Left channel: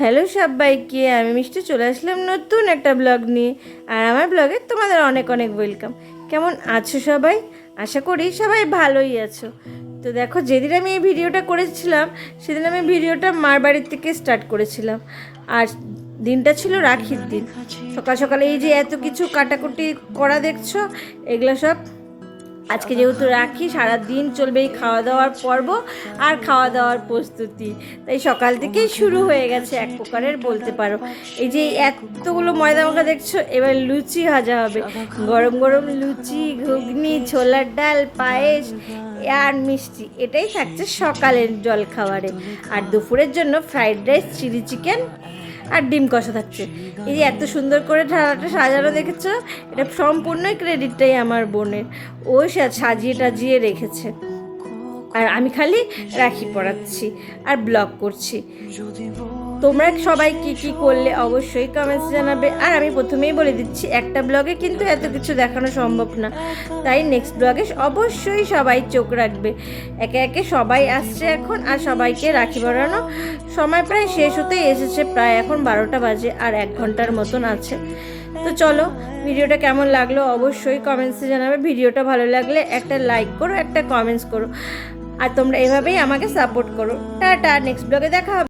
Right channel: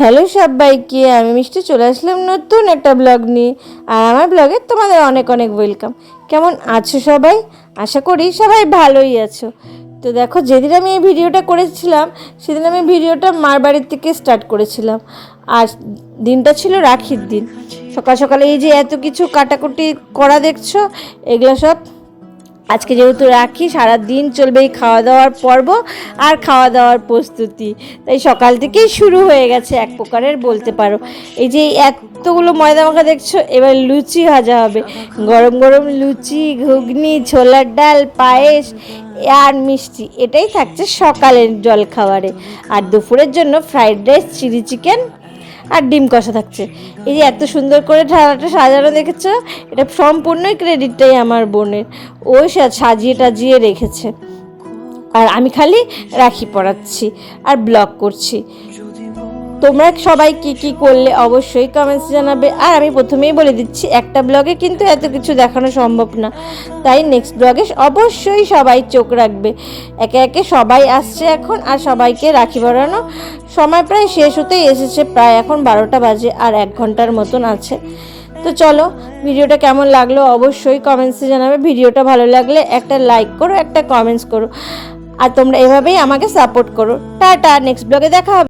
Hello সবাইকে, আমি মিষ্টি চলে আসলাম নতুন একটা ব্লগ নিয়ে। আর আমার ব্লগে তোমাদের অনেক অনেক ওয়েলকাম। কেমন আছো সবাই? আশা করি সবাই ভালোই আছো। তো দেখো, যেদিন আমি এই ভিডিওটা করেছিলাম সেদিন আমি ভিডিওটা মার বাড়ির থেকে স্টার্ট করেছিলাম। আর দিনটা ছিল রাখির দিন। সকাল সকালে এই যে এত কিছু কাটাকুটি করা দেখছো, এগুলো সব আজকে যেহেতু রাখি, সারা দিন চলবে এই খাওয়া দাওয়ার পর্ব আর খাওয়া দাওয়ার প্রস্তুতি। তাই সকাল থেকেই শুরু হয়ে গেছে এক প্রকারের, বলতে পারো। এই যে এতগুলো ময়দা মাখা দেখছো, এবার লুচি ভাজা হবে। গরম গরম লুচি, ঘুগনি, ছোলার ডাল, পায়েস আর মিষ্টি, এটাই থাকছে সকালের জলখাবারে। আর দুপুরের জন্য ফ্রাইড রাইস, চিলি চিকেন আর ডিম কষা থাকছে। এই যে এত সুন্দর করে থালাটা সাজানো দেখেছো, এটা সম্পূর্ণই ক্রেডিটটাই আমার বোনের। ও সাজিয়ে টাজিয়ে রেখেছে, আর আমি খালি রাখি পরাচ্ছি আর ব্লগ করছি। তোমরা সবাই কি কি করলে অবশ্যই কমেন্টস জানাবে। আর আমি প্রথমেই বলে দিচ্ছি, একটা ব্লগে কিন্তু এত কিছু দেখানো সম্ভব না, তাই নেক্সট ব্লগে অবশ্যই সবাই চোখ রাখবে। একে একে সবাই আসছে এখন, আর সবাইকে রাখি পরানো সময় প্রায় শেষ হতেই এসেছে। প্রায় এখন 12টা বাজে, আর 1 ঘন্টার মতন আছে। তো চলো, ভিডিওটা কেমন লাগলো অবশ্যই কমেন্টসে জানাবে। ভিডিওটা ভালো লাগলে একটা লাইক করো, একটা কমেন্টস করো। আর তোমরা এভাবেই আমাকে সাপোর্ট করো। টাটা, নেক্সট ব্লগে দেখা হবে।